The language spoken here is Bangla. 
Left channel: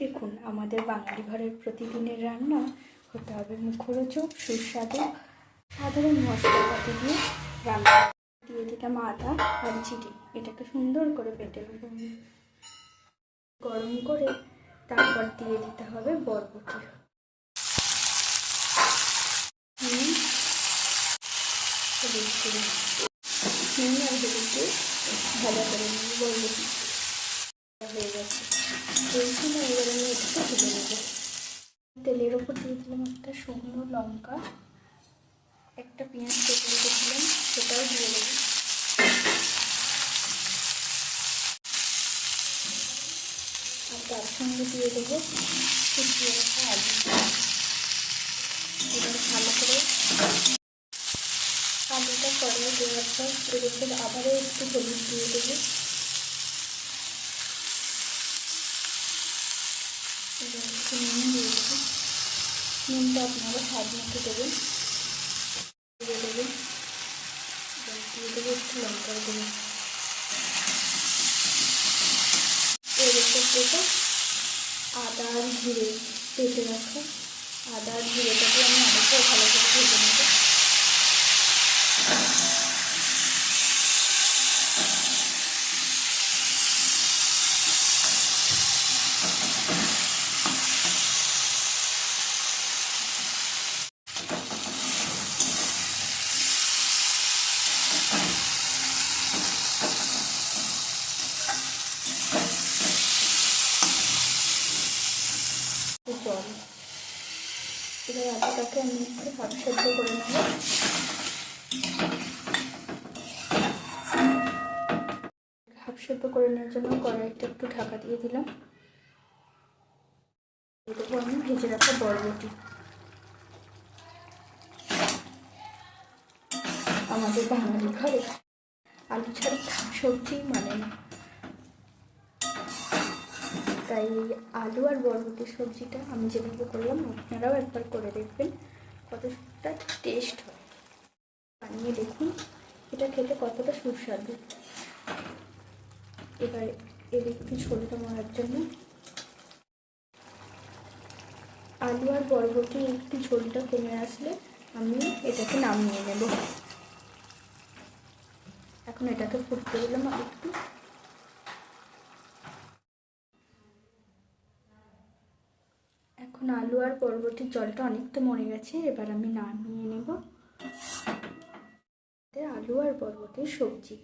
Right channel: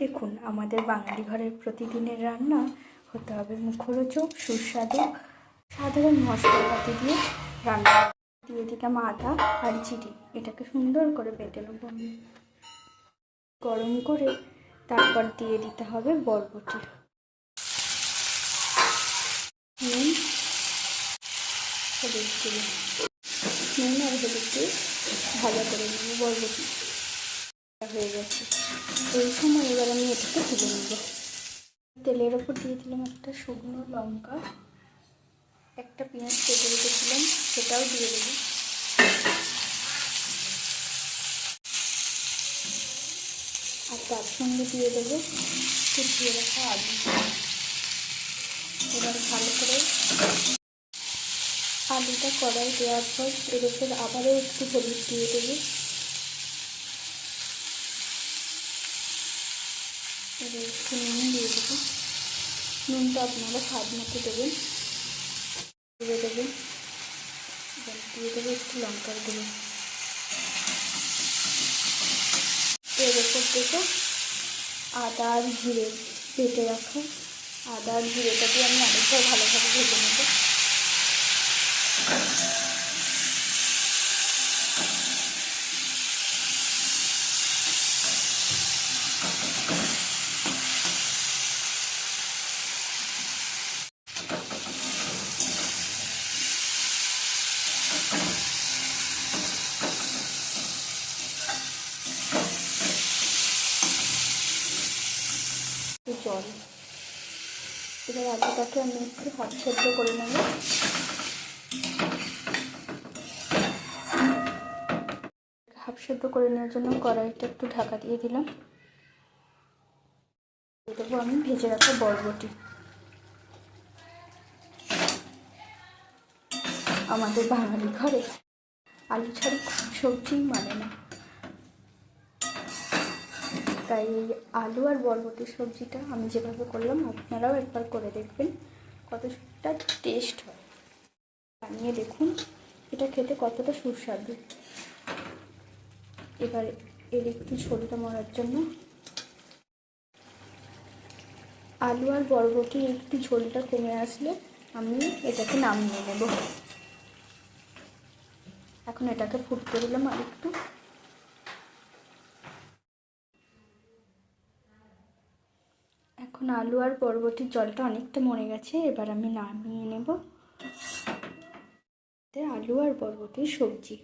দেখুন, আমাদের বাঙালি ঘরের প্রতিদিনের রান্না হতে হবে মুখরোচক, সুস্বাদু, সাধারণ মশলাপাতি দিয়ে রান্না। দিয়ে দিলাম আদা আর জিরে, এটাকে সুন্দর করে বেটে নেব আমি। গরম করে তারপর দিয়ে দিতে হবে বরবটি, নুন, হলুদ গুঁড়ো, নুন আর হলুদ দিয়ে ভাজা করে নেব। বরবটি হয়ে গেছে, এই সময় এবার আমি এটাকে তুলে নেব। তেলের ওপর দিয়ে দিলাম একটা শুকনো লঙ্কা, একটা পেঁয়াজ কেটে রেখেছিলাম সেটাও দিয়ে দেবো। আর তার সঙ্গে দিয়ে দেবো কুচিয়ে রাখা আলু। এবার ভালো করে আলুটা কড়াই দেওয়ার পর এর ওপর আবারও একটু হলুদ দিয়ে দেবো। এবার একটু নুন দিয়ে দেবো, নুনটা আপনারা স্বাদ মতো দেবেন। দিয়ে দেবেন, দিয়ে দেবো একটু লঙ্কার গুঁড়ো। এর ওপর দেবো আদা আর জিরে, বেটে রাখা আদা আর জিরেটাকে আমি অনেকটাই ভালোভাবে ভেজে নেব। জল, এবার আলুটাকে আমি একটু হাফ সেদ্ধ করে নেব। হাফ সেদ্ধ করে নেওয়ার জন্য কড়াইটা একটু ঢাকা দিয়ে দিলাম। দিয়ে দেবো আমি ভেজে রাখা বরবটি। আমাদের বাঙালি ঘরে আলু ছাড়া সবজি মানে না, তাই আলু আর বরবটির সবজিটা আমি যেভাবে করলাম আপনারাও একবার করে দেখবেন কতটা টেস্ট হয়। বানিয়ে দেখুন, এটা খেতে কতটা সুস্বাদু। এবার এর একটু ঝোলটা মরার জন্য আলু আর বরবটি একটু ঝোলটা কমে আসলে আমি এটাকে নামিয়ে নেব। এখন এটাকে ফুটতে দিলাম আর একটু। এখন আলু আর বরবটির জলটা অনেকটা মরে গেছে, এবার আমি নামিয়ে নেব। আলু আর বরবটির সবজি।